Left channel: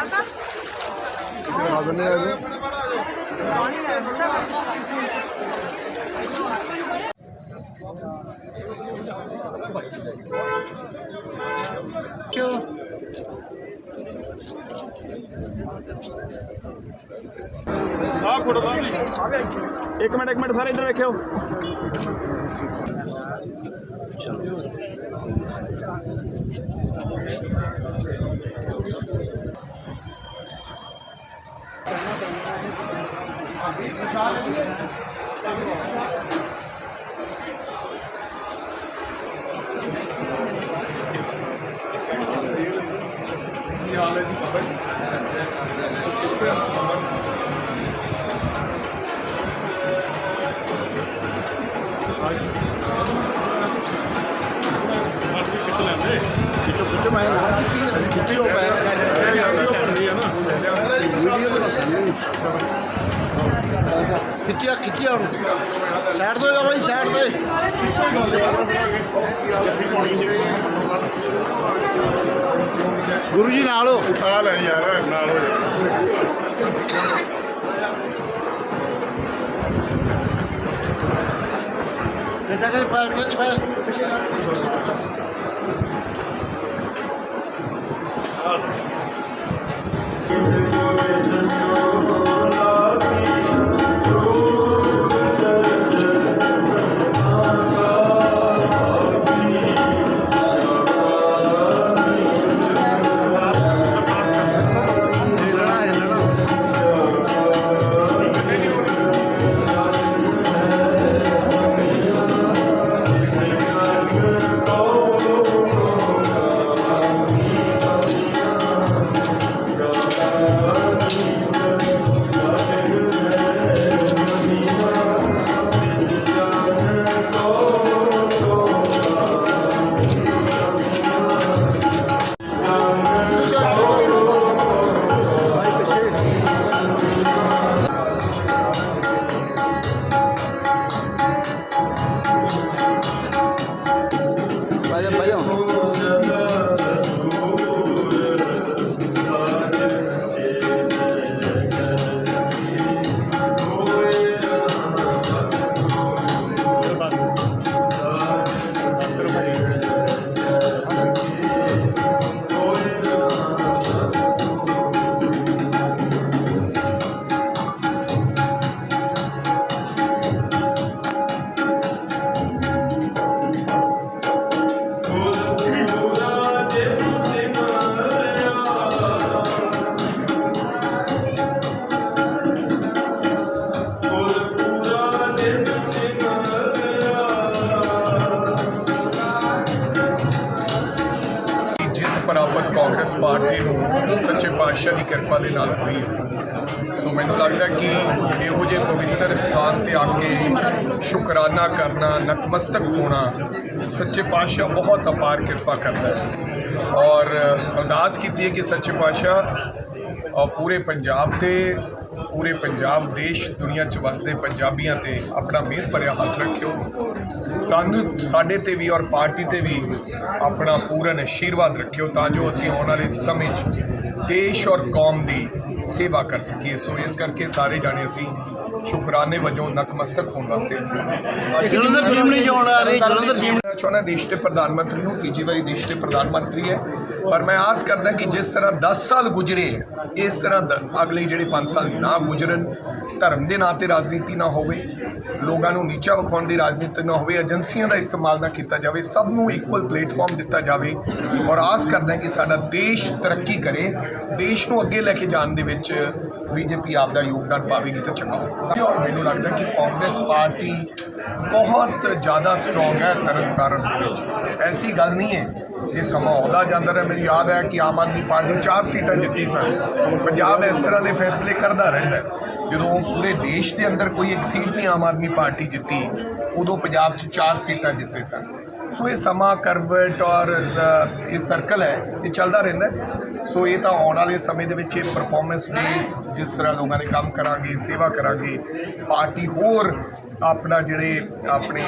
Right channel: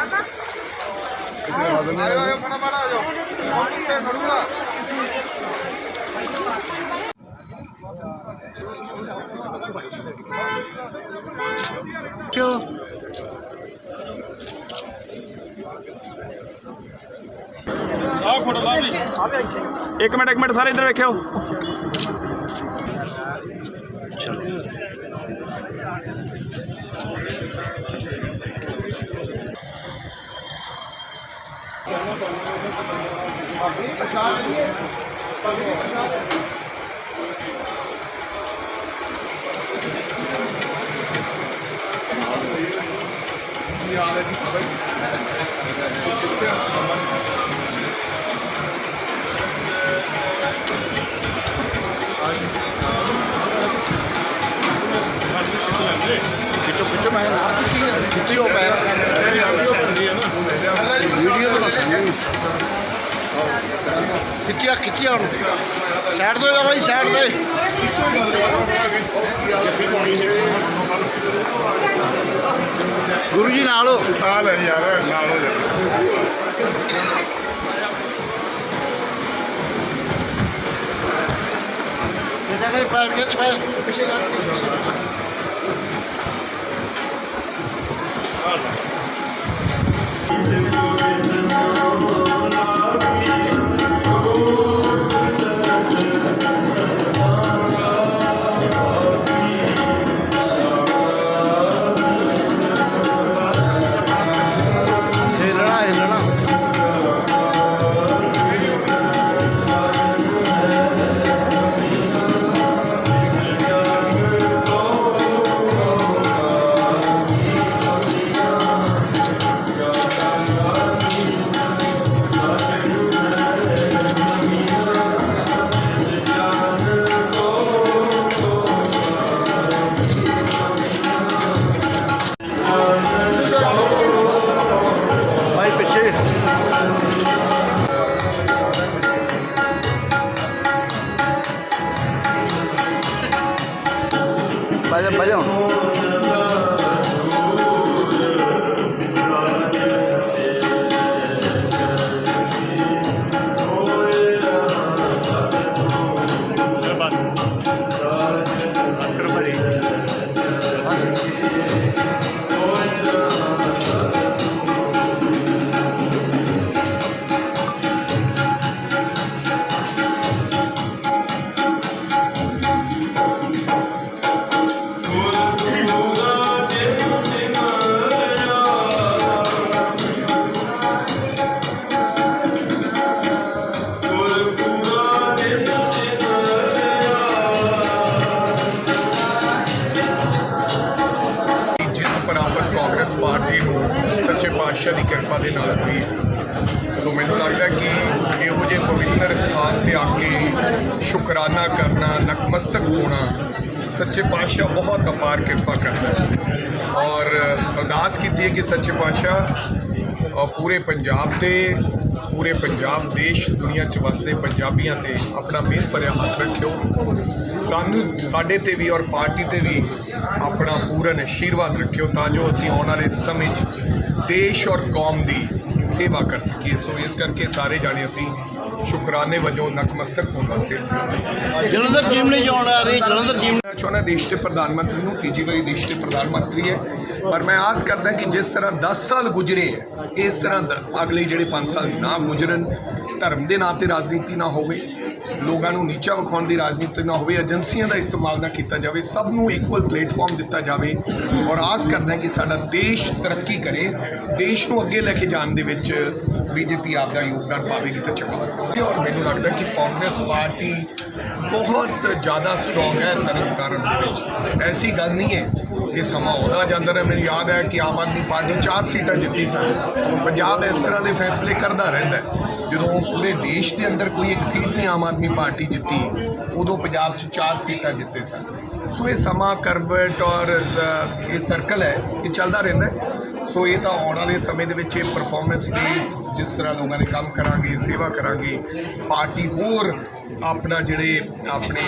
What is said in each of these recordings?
ਦਿਖਾ ਦਿੰਦੇ ਆ ਜੀ ਆਹ ਫੋਟੋ ਲਾ ਵੀ ਇੱਕ ਖਿੱਚੋ ਖਿੱਚੋ ਮੈਂ ਖਿੱਚਿਓ ਪੈਰ ਖਿੱਚਿਆ ਖਿੱਚਿਆ ਹੁਣ ਸਾਈਡ ਤੋਂ ਜਾ ਬਾਈ ਸਾਈਡ ਤੇ ਗੁਰੂ ਜੀ ਨਾਲ ਹੋ। ਆ ਲੈ ਯਾਰ ਨਾਲ ਹੋ ਜਾ। ਕਿੱਦਾਂ ਕਹੇ ਪੈਰ ਖਿੱਚ ਪੈਰ ਪਿੱਛੇ ਹਿੱਲਣਾ 白天白天 ਕਾਂਗਰਸ ਪਾਰਟੀ ਨੂੰ ਸੱਚੇ ਪਾਤਸ਼ਾਹ ਦੀ ਕਿਰਪਾ ਦੇ ਨਾਲ ਹੋਈ ਹੈ। ਸੋ ਮੈਨੂੰ ਲੱਗਦਾ ਕਿ ਇਹੋ ਜਿਹੇ ਪਵਿੱਤਰ ਸਥਾਨ ਤੇ ਆ ਕੇ ਸ਼ੁਕਰਾਨਾ ਕਰਨਾ, ਨਤਮਸਤਕ ਹੋਣਾ ਸੱਚੇ ਪਾਤਸ਼ਾਹ ਬਹੁਤ ਅਪਾਰ ਕਿਰਪਾ ਕਰਦਾ ਹੈ। ਔਰ ਅਰਦਾਸ ਕੀਤੀ ਹੈ ਕਿ ਸੱਚੇ ਪਾਤਸ਼ਾਹ ਪੂਰੇ ਪੰਜਾਬ ਤੇ ਪੂਰੇ ਪੰਜਾਬ, ਦੇਸ਼, ਦੁਨੀਆ 'ਚ ਵਸਦੇ ਪੰਜਾਬੀਆਂ ਤੇ ਆਪਣਾ ਮਿਹਰ ਭਰਿਆ ਹੱਥ ਰੱਖਿਓ। ਸਾਨੂੰ, ਸਾਡੇ ਤੇ ਵੀ ਔਰ ਪਾਰਟੀ ਤੇ ਵੀ ਆਪਣਾ ਪੂਰਨ ਆਸ਼ੀਰਵਾਦ ਰੱਖਿਓ ਤਾਂ ਜੋ ਅਸੀਂ ਆਉਣ ਵਾਲੇ ਸਮੇਂ 'ਚ ਦੇਸ਼ ਔਰ ਕੌਮ ਦੀ ਸੇਵਾ ਕਰ ਸਕੀਏ। ਸੋ ਇਸ ਕਰਕੇ ਸਾਰੇ ਜਾਣੇ ਅਸੀਂ ਸ਼ੁਕਰਾਨੇ ਵਜੋਂ ਨਤਮਸਤਕ ਹੋਣ ਵਾਸਤੇ ਇੱਥੇ। ਜਲੰਧਰ ਟੀਮ ਨਹੀਂ ਜਾਣ ਆ ਰਹੀ ਜਲੰਧਰ ਟੀਮ ਮੈਂ ਚਾਹੁੰਦਾ ਦੇਸ਼ ਦੇ ਪ੍ਰਧਾਨ ਮੰਤਰੀ ਨੂੰ ਤੀਜੀ ਵਾਰੀ ਦੇਸ਼ ਦੇ ਪ੍ਰਧਾਨ ਮੰਤਰੀ ਹੈ। ਪਰ ਮੈਂ ਆਸ ਕਰਦਾ ਕਿ ਜਿਸ ਤਰ੍ਹਾਂ 10 ਸਾਲ ਗੁਜ਼ਰੇ ਹੈ ਇਸ ਤਰ੍ਹਾਂ ਅਗਲੇ ਜਿਹੜੇ 5 ਸਾਲ ਨਾ ਗੁਜ਼ਰਨ ਧਰਮ ਦੇ ਨਾਂ ਤੇ ਰਾਜਨੀਤੀ ਨਾ ਹੋਵੇ ਲੋਕਾਂ ਨੂੰ ਨੀਚਾ ਵਿਖਾਉਣ ਦੀ ਰਾਜਨੀਤੀ ਨਾ ਹੋਵੇ ਏਜੰਸੀਆਂ ਦਾ ਇਸਤੇਮਾਲ ਨਾ ਕੀਤਾ ਜਾਵੇ ਸਭ ਨੂੰ ਇਕੁਅਲ ਪਲੇਟਫਾਰਮ ਦਿੱਤਾ ਜਾਵੇ। ਔਰ ਆਸ ਕਰਦਾ ਕਿ ਸਾਡਾ ਦੇਸ਼ ਤਰੱਕੀ ਕਰੇ ਦੇਸ਼ ਨੂੰ ਅੱਗੇ ਲੈ ਕੇ ਜਾਣ ਦੇ ਵਿੱਚ ਬੀਜੇਪੀ ਆਪ ਦਾ ਯੋਗਦਾਨ ਪਾਵੇਗੀ ਤਾਂ ਚੰਗਾ ਹੋਵੇਗਾ ਔਰ ਮੈਨੂੰ ਲੱਗਦਾ ਕਿ ਕਾਂਗਰਸ ਪਾਰਟੀ ਬਹੁਤ ਜ਼ਿਆਦਾ ਸਟਰੋਂਗ ਹੈ ਤਰਨਤਾਰਨ ਦੇ ਵਿੱਚ। ਐਸੀ ਗੱਲ ਨਹੀਂ ਹੈ। ਇਹ ਸਮਾਂ ਆਉਂਦਾ ਜਾਂਦਾ ਰਿਹਾ। ਮੈਨੂੰ ਯਾਦ ਹੈ ਕਿ ਆਮ ਆਦਮੀ ਪਾਰਟੀ ਚਾਰ ਸੀਟਾਂ ਜਿੱਤੀ ਸਨ। ਪੰਜਾਬ ਇਸ ਤਰ੍ਹਾਂ ਦੇ ਫੈਸਲੇ ਕਰਦਾ ਰਹਿੰਦਾ ਜਦੋਂ ਪੂਰੇ ਦੇਸ਼ ਦੇ ਅੰਦਰ ਕੋਈ ਇੱਕ ਸੀਟ ਨਹੀਂ ਆਮ ਆਦਮੀ ਪਾਰਟੀ ਜਿੱਤੀ, ਉਦੋਂ ਪੰਜਾਬ 'ਚ ਚਾਰ ਸੀਟਾਂ ਜਿੱਤੇ ਸਨ। ਸੋ ਇਹ ਸਮਾਂ ਕਰਵਟ ਔਰ ਇਹ ਸਰਕਲ ਹੈ। ਇਹ ਚੱਲਦਾ ਰਹਿੰਦਾ ਸੋ ਇਹ ਤਾਂ ਆਉਣ ਵਾਲੇ ਸਮੇਂ ਦੇ ਵਿੱਚ ਇਹ ਪਰਫਾਰਮੈਂਸ ਬੇਸ ਜਿਸ ਤਰ੍ਹਾਂ ਲੋਕਾਂ ਦੇ ਕੰਮ ਕਰਾਂਗੇ ਸੇਵਾ ਕਰਾਂਗੇ ਪਾਰਟੀ ਹੋਰ ਆਪਣਾ ਜਿਹੜੇ ਆਪਣੇ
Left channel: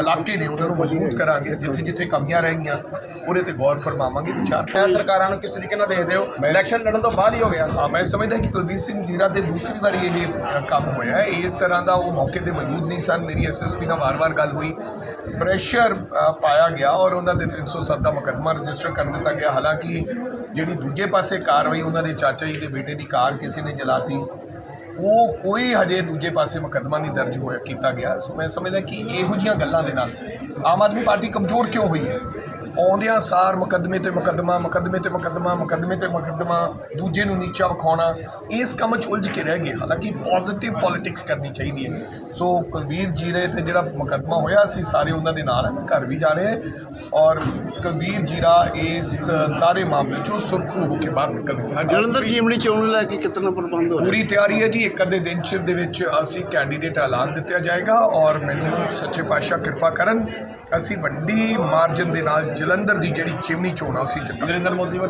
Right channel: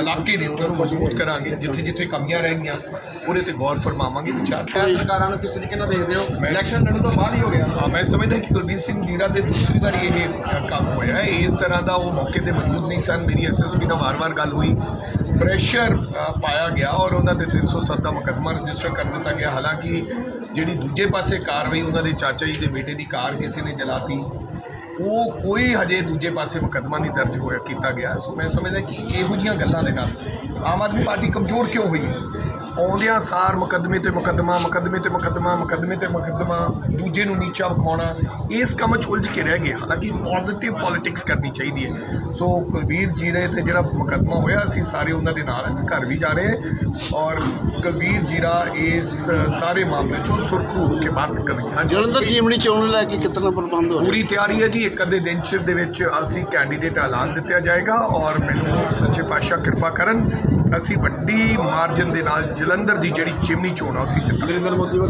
ਇਲਾਕੇ ਨੇ ਉਹਨਾਂ ਨੂੰ ਮਜ਼ਬੂਤ ਕਰਾਂਗੇ ਜਿੱਥੇ ਜਿੱਥੇ ਕਮੀਆਂ ਰਹਿ ਗਈਆਂ ਉਹਦੇ ਤੇ ਗੌਰ ਫਰਮਾਵਾਂਗੇ ਵਿਚਾਰ ਸਰਕਾਰਾਂ ਨੂੰ ਕਿਸ ਤਰੀਕੇ ਨਾਲ ਦੇਖਦੇ ਹੋ? ਇਲੈਕਸ਼ਨ ਲੜਨ ਤੋਂ ਬਾਅਦ ਹੀ ਹੋ ਗਿਆ। ਮੈਂ ਸਮਝਦਾ ਕਿ ਕੁਲਬੀਰ ਸਿੰਘ ਜੀਰਾ ਤੇ ਦੂਸਰੀ ਵਾਰੀ ਇਹ ਕੰਮ ਹੋਇਆ ਹੈ। ਇਸ ਤਰ੍ਹਾਂ ਦਾ ਉਹ ਮੌਕੇ ਤੇ ਮੌਜੂਦ ਨਹੀਂ ਸਨ। ਮੇਰੀ ਐਸਐਸਪੀ ਨਾਲ ਵਾਰ-ਵਾਰ ਗੱਲ ਹੋਈ। ਪ੍ਰੈਸ਼ਰ ਪਾਇਆ ਗਿਆ ਔਰ ਉਹਨਾਂ ਦੇ 307 ਦਾ ਮੁਕੱਦਮਾ ਰਜਿਸਟਰ ਕਰ ਦਿੱਤਾ ਗਿਆ। ਹਾਲਾਂਕਿ ਜਿਹੜੀ ਦੂਜੇ ਪਾਸੇ ਕਾਰਵਾਈ ਉਹਨਾਂ ਦੇ ਚਾਚਾ ਜੀ ਦੇ ਬੇਟੇ ਦੀ ਕਾਰ ਕਿਸੇ ਨੇ ਜਲਾਤੀ, ਉਹ ਕੋਈ ਹਜੇ ਦੂਜੇ ਪਾਸੇ ਮੁਕੱਦਮਾ ਨਹੀਂ ਦਰਜ ਹੋਇਆ, ਕੀਤਾ ਗਿਆ। ਸੋ ਮੈਂ ਸਮਝਦਾ ਕਿ ਇਹੋ ਜੀਆਂ ਗੱਲਾਂ ਦੇ ਨਾਲ ਆਮ ਆਦਮੀ ਪਾਰਟੀ ਕਮਜ਼ੋਰ ਕਿਉਂ ਹੋਈ ਹੈ? ਆਉਂਦਿਆਂ ਸਾਰ ਮੁਕੱਦਮੇ ਤੇ ਮੁਕੱਦਮਾ, ਮੁਕੱਦਮੇ ਤੇ ਮੁਕੱਦਮਾ, ਮੁਕੱਦਮੇ ਤੇ ਮੁਕੱਦਮਾ, ਦੂਜੇ ਨੂੰ ਨੀਚਾ ਵਿਖਾਉਣਾ, ਇਸ ਕੰਮ 'ਚ ਉਲਝ ਕੇ ਰਹਿ ਗਏ। ਹਾਲਾਂਕਿ ਪੋਜ਼ਿਟਿਵ ਪੋਲਿਟਿਕਸ ਕਰਨੀ ਚਾਹੀਦੀ ਹੈ। ਸੋ ਕੁਲਵੀਰ ਜੀਰੇ ਤੇ ਜਿਹੜਾ ਮੁਕੱਦਮਾ ਹੋਇਆ, ਅਸੀਂ ਸਾਰੇ ਉਹਨਾਂ ਦੇ ਨਾਲ ਹੈ ਘਰ ਵੀ ਜਾ ਰਹੇ ਔਰ ਕੁਲਵੀਰ ਜੀਰਾ ਇਸ ਸਾਰੇ ਮਾਮਲੇ 'ਚੋਂ ਸੁਰਖਰੂ ਹੋ ਕੇ ਬਾਹਰ ਨਿਕਲ ਗਏ ਹਾਂਜੀ ਜਲੰਧਰ ਜੀਮਣੀ ਚੋਣ ਨੂੰ ਲੈ ਕੇ ਕਿਤਨਾ ਪ੍ਰਬੰਧ ਹੋ ਰਿਹਾ? ਪੂਰੀ ਤਿਆਰੀ ਹੈ ਜੀ ਇੱਕ ਅੱਧੇ ਦਿਨ ਚ ਦੇ ਵਿੱਚ ਅਸੀਂ ਕੈਂਡੀਡੇਟ ਐਲਾਨ ਦਿੱਤਾ ਜਾਏਗਾ ਔਰ ਮੈਨੂੰ ਸੱਚੇ ਪਾਤਸ਼ਾਹ ਕਿਰਪਾ ਕਰਨ ਅਸੀਂ ਵੱਡੀ ਮਾਰਜਨ ਦੇ ਨਾਲ ਜਲੰਧਰ ਦੀ ਜਿਹੜੀ ਚਿਮਨੀ ਚੋਣ ਆ ਅਸੀਂ ਜਿੱਤਾਂਗੇ। ਨਰਿੰਦਰ ਮੋਦੀ ਵੱਲੋਂ